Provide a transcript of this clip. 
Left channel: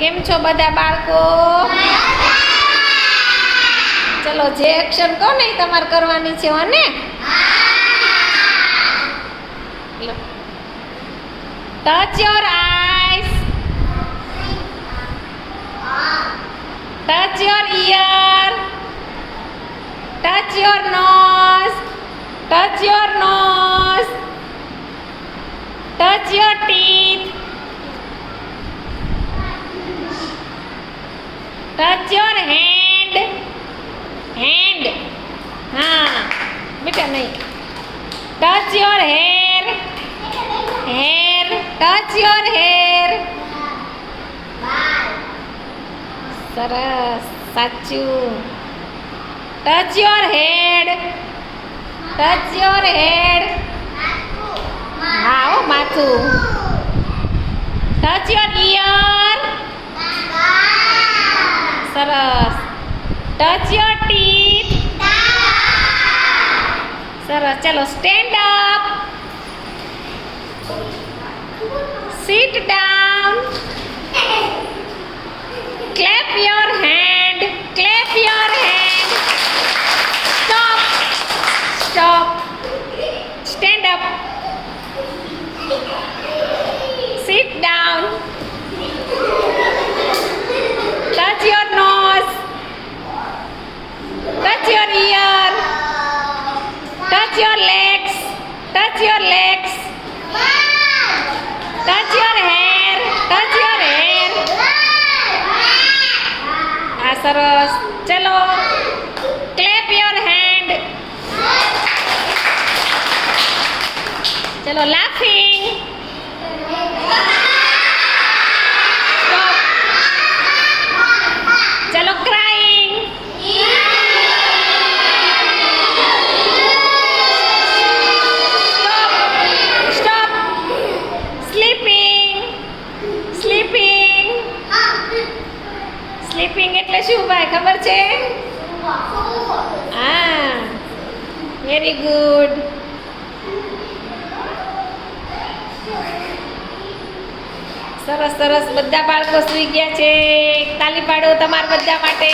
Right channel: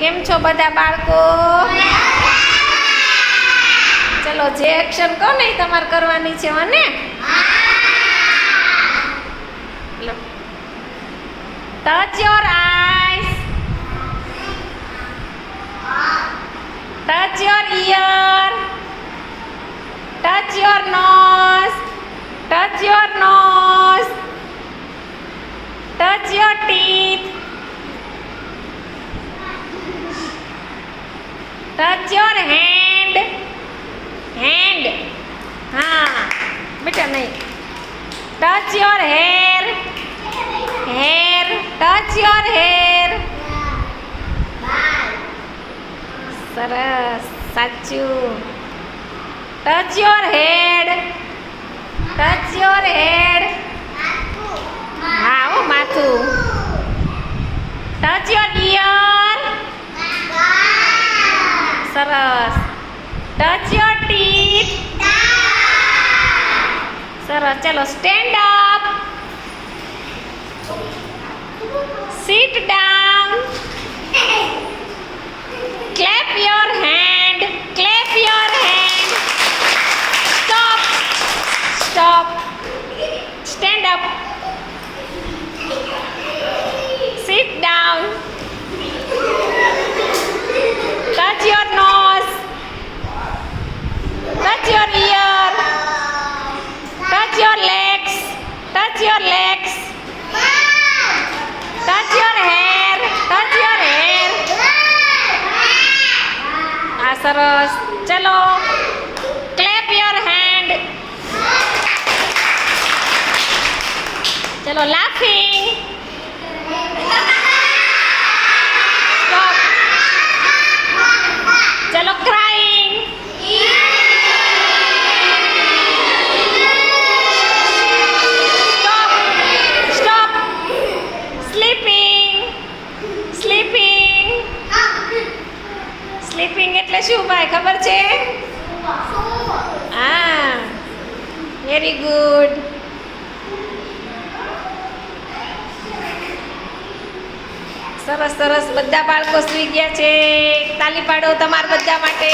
કેમ છો બધા બાળકો? ચલો જે એક્શન કહો ને તમારે કરવાની છે ને. Touch your eyes, touch your ear, touch your nose, touch your nose, touch your teeth, touch your hand, hand, હા બેટા નહીં. Touch your hair, hair, touch your hair. સરસ, સાચું. Touch your head, touch your head. હા હો માથું. Touch your ear. સરસ. Touch your teeth. સરસ. ચલો stand up, sit down, clap your hand, clap your hand. Stop, stop, stand up, sit down, touch your nose, touch your ear, touch your legs, touch your legs, touch your hair, touch your hair. આ સરસ. ચલો clap your hand. ચલો laughing. Stop. ચલો crying. Stop. Stop. Sleeping. Sleeping. Sleeping એટલે શું ભાઈ ખબર છે? હા, વેરી ગુડ. સરસ સરસ. બધા બાળકો સૂઈ ગયા છે. તાલી પાડો તમારા બધા માટે.